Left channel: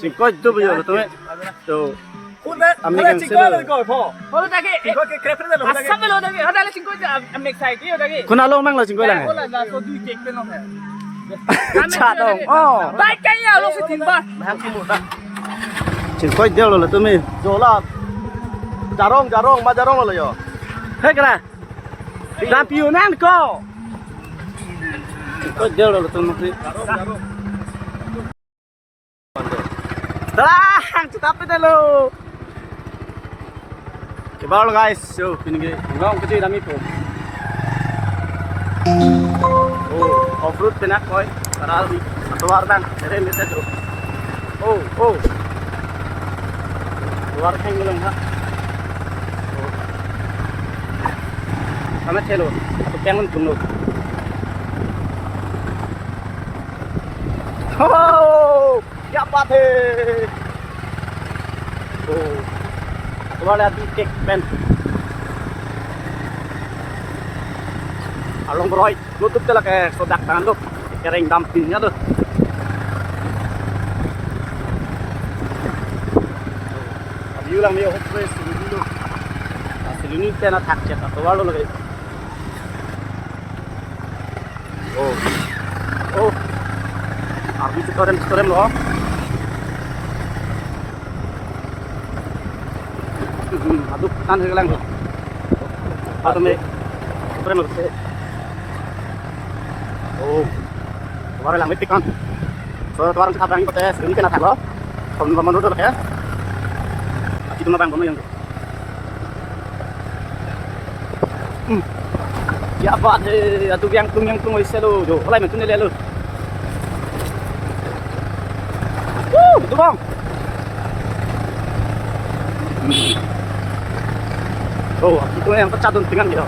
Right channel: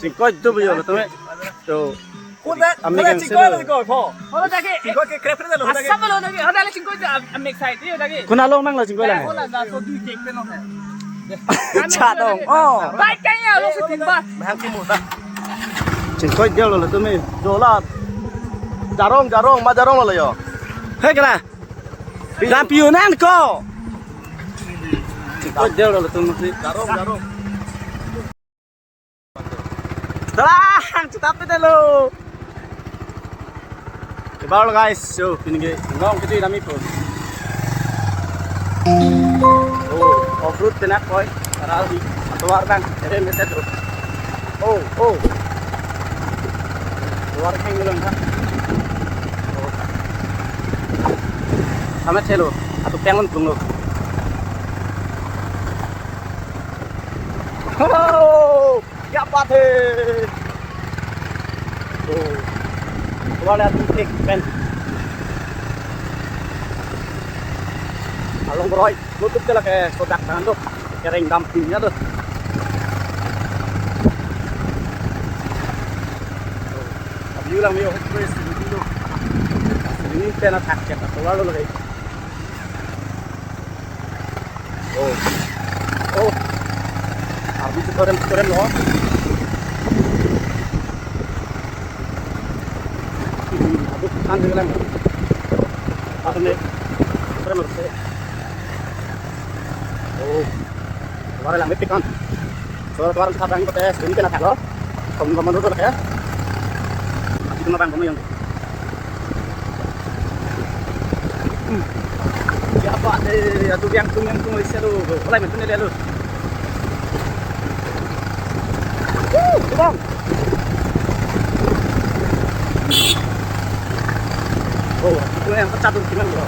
Chingkoi tu bây giờ là tôi to ami kan selo Chingkoi ke krep na lo dagi. Sabe lo dagi. Hada la chingkoi am excited yo dagi. kunalo mang la chingkoi lang Ola da so du cake pe no me. cha dong oh Bai kai ya lo su tin ba. chingkoi deo là tôi mi rồi là jarong mà jarong là yo hết cái này làm piu nan ko chingkoi deo là tôi mi Jarong. Terang, cepat dulu. Coba lo guys, so ini ngong kecil kami pun. Oh, off road tenak boy, taral di luar bang, jadi mesti tu. Oh, luar hang dulu ha. Oh, kami celo, atau pengen tunggu. Oh, क्या बात है तो तुम्हारे हाथ में एक pen along beroy nutup tu lah ke sodak tangan tu kering dampingnya tu अब you lang मैं hope sini pen attack cek atau lalu lagi oh arbi korem loh aduh kan hilang atau me korem loh oh kemarin lang pikan so kemarin kita bang tes ini kena tak loh kamu dulu ya itu mah bang kamu yang ya apa deh aduh yang tung isi lu mulai mentu lu betul bang oh itu yang pecah tuh tinggal gitu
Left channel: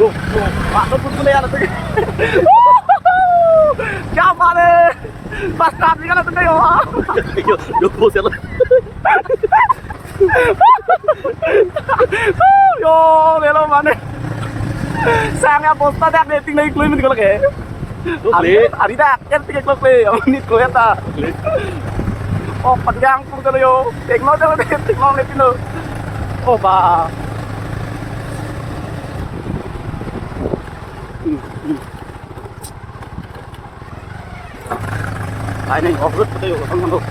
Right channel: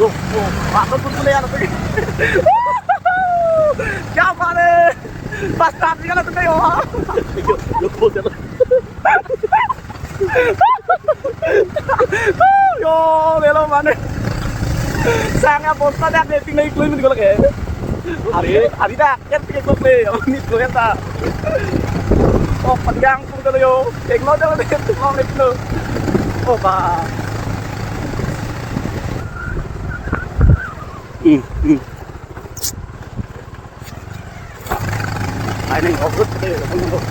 tuh masuk pun lihat tuh siapa deh pas tadi kan tuh yo bos ya yo lelo mana sangat bos pada dating lagi keluar kalau kayak hari dah kan tiga keluar ini keluar tak oh pegang pun kalau yo teknologi kalau dia teknologi itu oh bah ini off-road betul ya teman-teman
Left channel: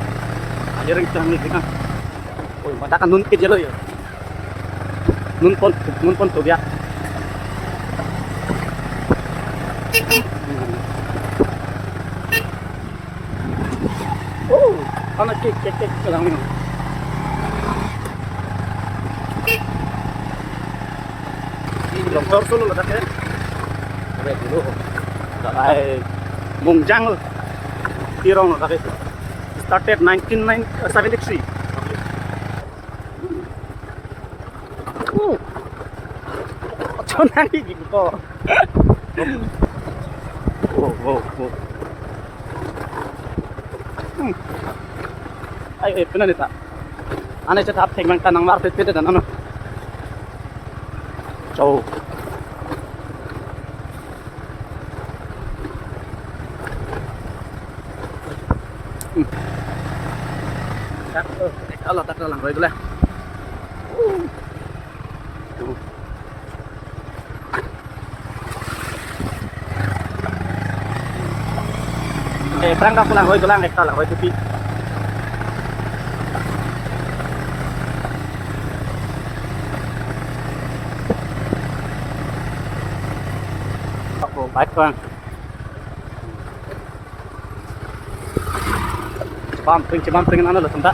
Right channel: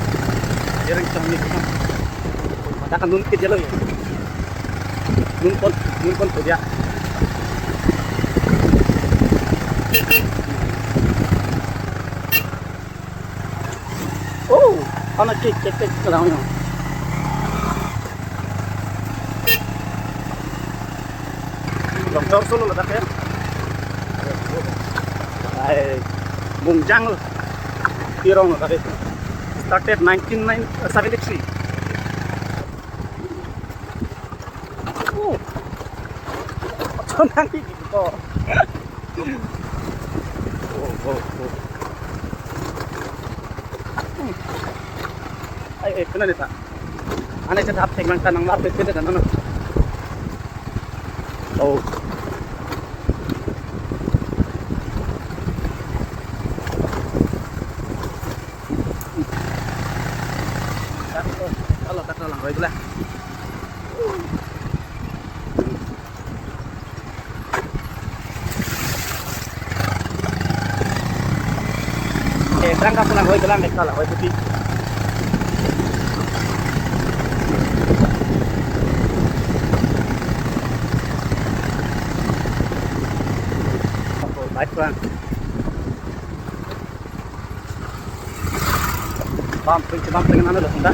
ada yang canggih kan katakan nun kecil loh ya nun pon tuh dia oh anak cek sekarang ini longsor solo lah tak ya Mungjang loh Tirong loh tapi started 1973 Cuman ini gitu oh ayo benar nih tak aneh cetak pengen tanang market kita dan ano oh Allah tak lang rồi boleh terang ka lang hoy ko lang ekta hoy tuti ako bait ko bumping ano lo tunda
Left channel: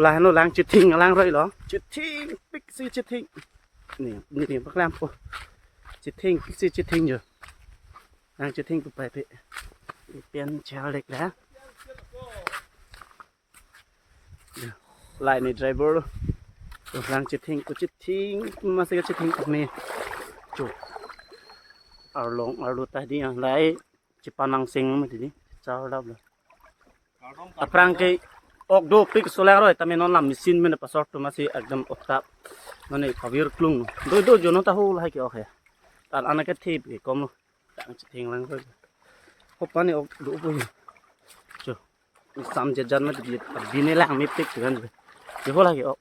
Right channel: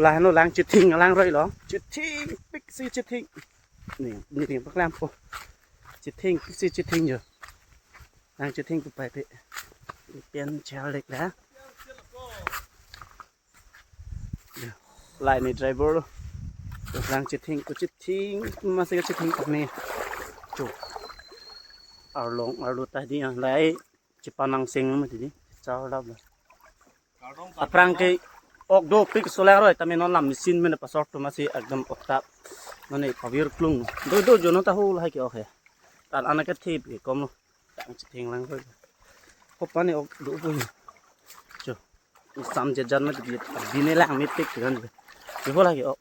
là nó lang chít thinh lang rồi đó chít thinh pixie chít thinh nè bác làm cô chít thinh pixie chít thinh rồi lang chít thinh của bài bị biến treo lịch đã lại này driver luôn lang chít thinh của chít thinh mà sẽ chít thinh này chủ ở lụt tadi lại chít panang sing mà thì sao đâu rồi aprang cái Okdo pik solar roy tame non lam mesin mena pasor to masi ekdam oktap none khavir klung do jono ta hol hai ke okhe tar anake thip ke kom chỉ thình lăng thôi hộp bán này ốc đủ vui chưa xăm chết chân nó chỉ vì này lang mới tích được hơn rồi chỉ có là cái ốc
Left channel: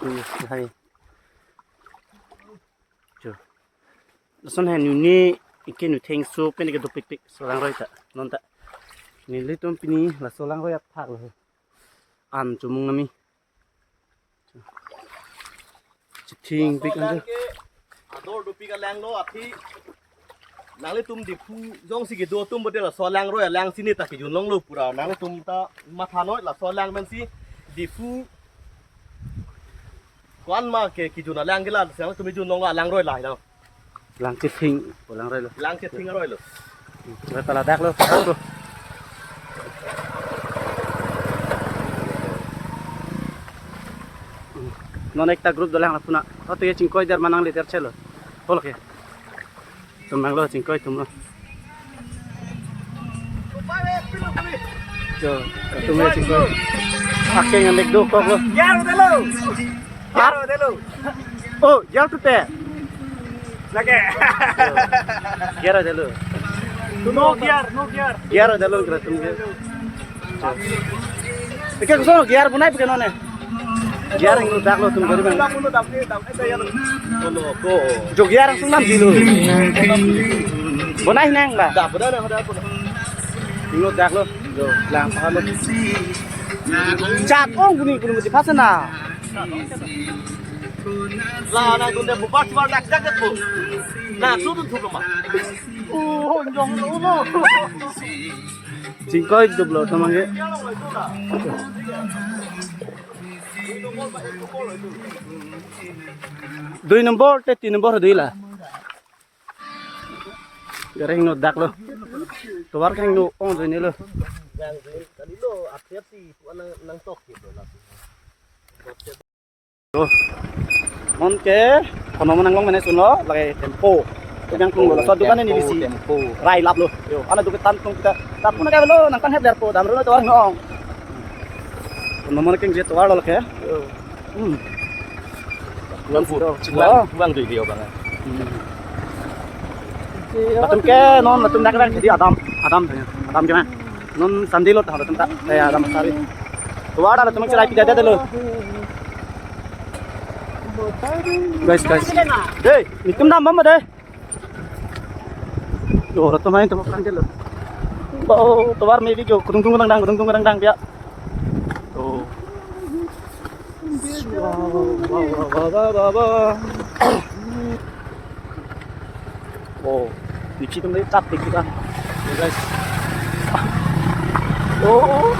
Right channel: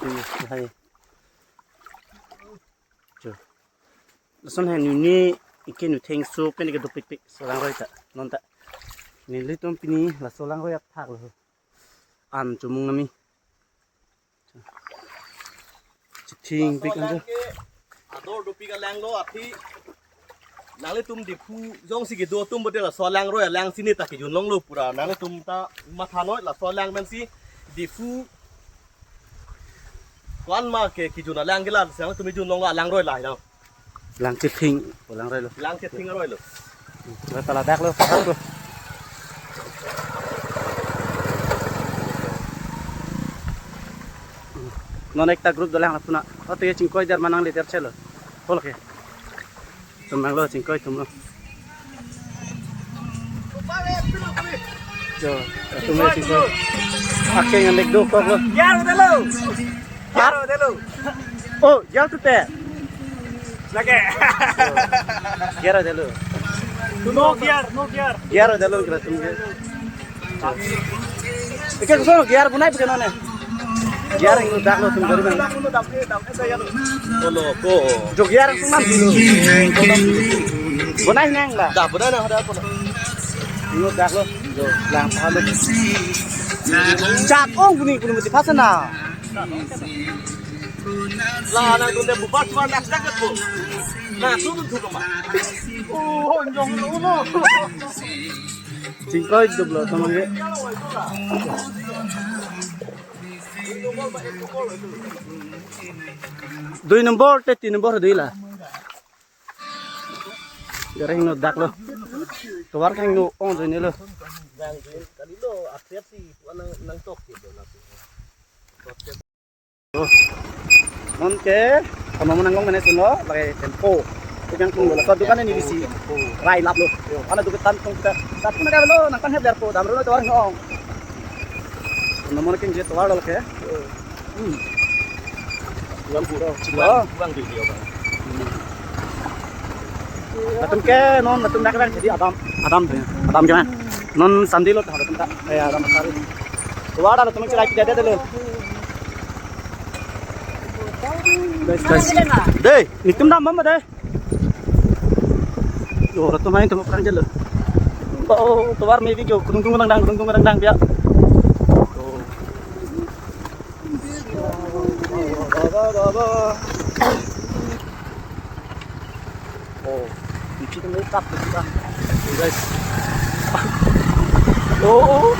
vui hay chưa sân hàng này cái nụ thình số cái này cái đồ pik số lang rồi ta non ta này lấy tôm pini là số lang rồi thạc rồi ăn chụp mông nami chỉ thình pik ăn chưa ador do pika lang lo api nang tum di phu jong si ki do tum bote la so lang ro lang sini ta ki jun long lo pura nang tum ta matha noi la so lang men si di phu kwan ma ke ki jun lang gila sang tum jun long la lang roi lai đâu lang chết thình của lang rồi lang ke thing roi lo rồi ta là đắc luôn phát luôn non ekta group dolang apuna oto ye chingkoi dar manang le ter chelo holke tumang lo chingkoi tumlo jo tumle chingkoi akke ngandek do kok lo Yaro de lo. oh yar tu te Lagi. yara de lo No gear. yara de lo kra tumge ke ko sono yar bunai bukan one yar ngu dak lo tum gari bang lo ko jo yar sung nam dilo bunai nang ba da boda na hada ko ngu dak lo jo lang pa lo chat ong kuni kuni mesti pasana la na dun de bu pat war lak dak ko na su dun thu ma oh jong lo no chingkoi dublo tamange dui nombor te 3 nombor dui lah gareng no dak lo towar kang no ong dui ne lo yang tadi lo apet si nang tok ki lo mon ke kono menang long mene suno lagi tempo yang tung lo satu kan ini bisi rai lap lo ana tu tantung kita tapi nak lo nang kan heb derpo dam lo towar ngong kono mon ke je towar lo ke bukan puro Oh. bukan video bang Latum ke non latum nak jadi Adam gimana non sandi lo tahu latum tak kayak Adam sari tuh ada latum cerai tidak ada lo guys deh nitum nama mama deh yo latum main tuh perang jelo oh tuar maybe kyo kudung dang biar oh di sini may taktik kita guys oh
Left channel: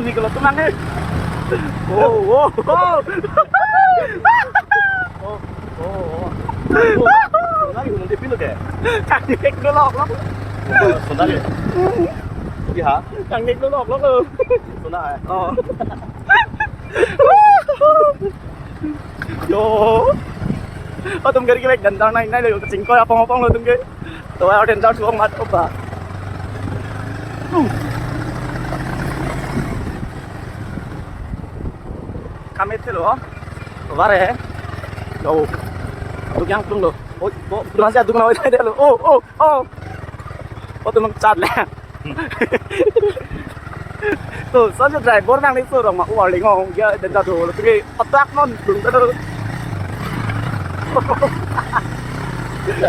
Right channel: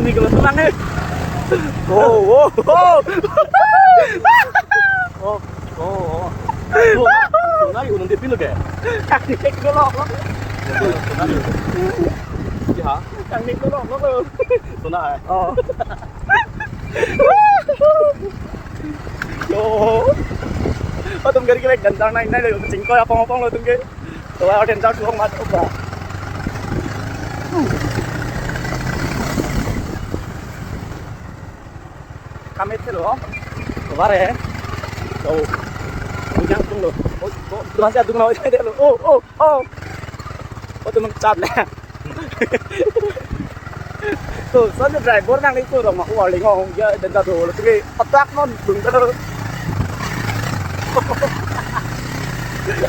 ini kalau tenang oh lagi nanti pilih be kaki dulu ya kaki dulu tuna oh oh tum gari gari gantang nai nai lo chingkoi apong lo tum ge to ao den chao chuang mat opa kamet lo to bare lo tu yang tung lo oh tu masih tung lo dai lo oh tum chat le to san driver nang ni tu rong ma u ling ngong ge den chao lo tu ge atak non dung ta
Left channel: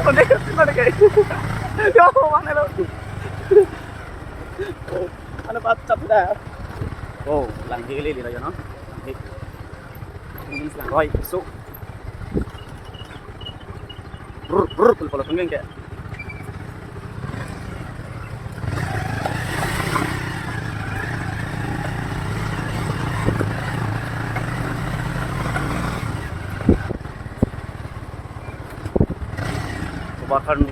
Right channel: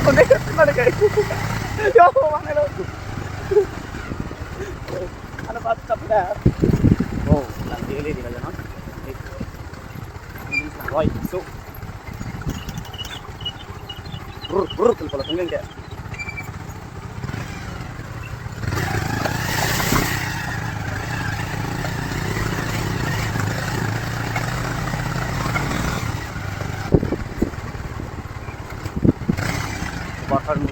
Onde mana kayak yo mana lo ana baca dah oh lang dili kita ya no ini roy so brr kalau pengen kayak bakar ni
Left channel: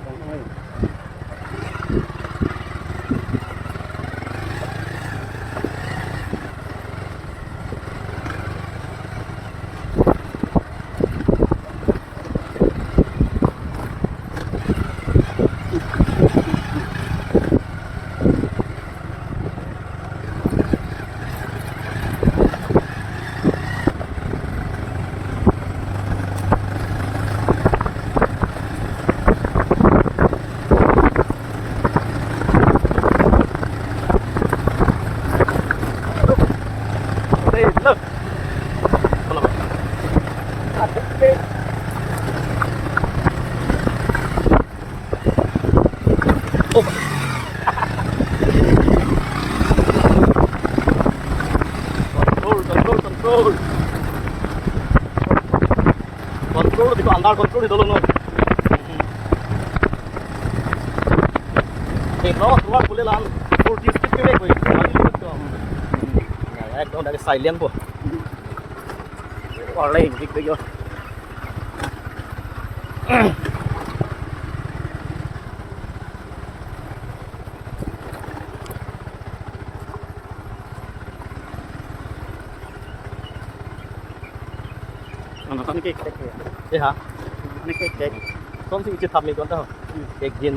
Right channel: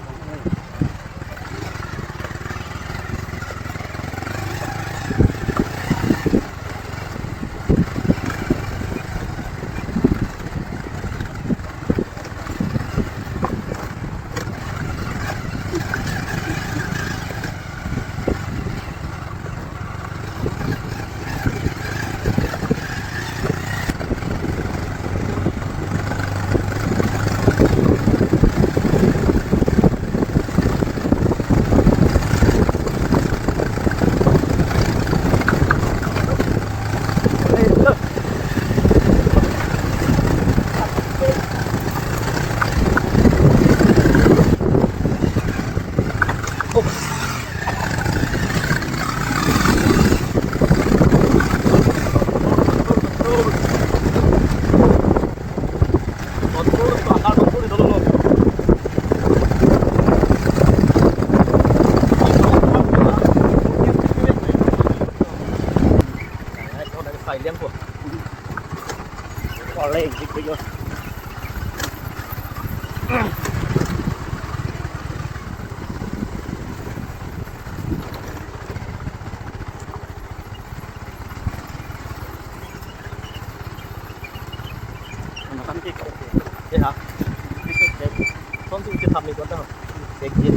Control, control itu andar control itu dulu. Silent po. Oleh gitu yo. Ano kan kek? Thế hả? Kek. Con gì chưa thầm này con đâu? Kek yên.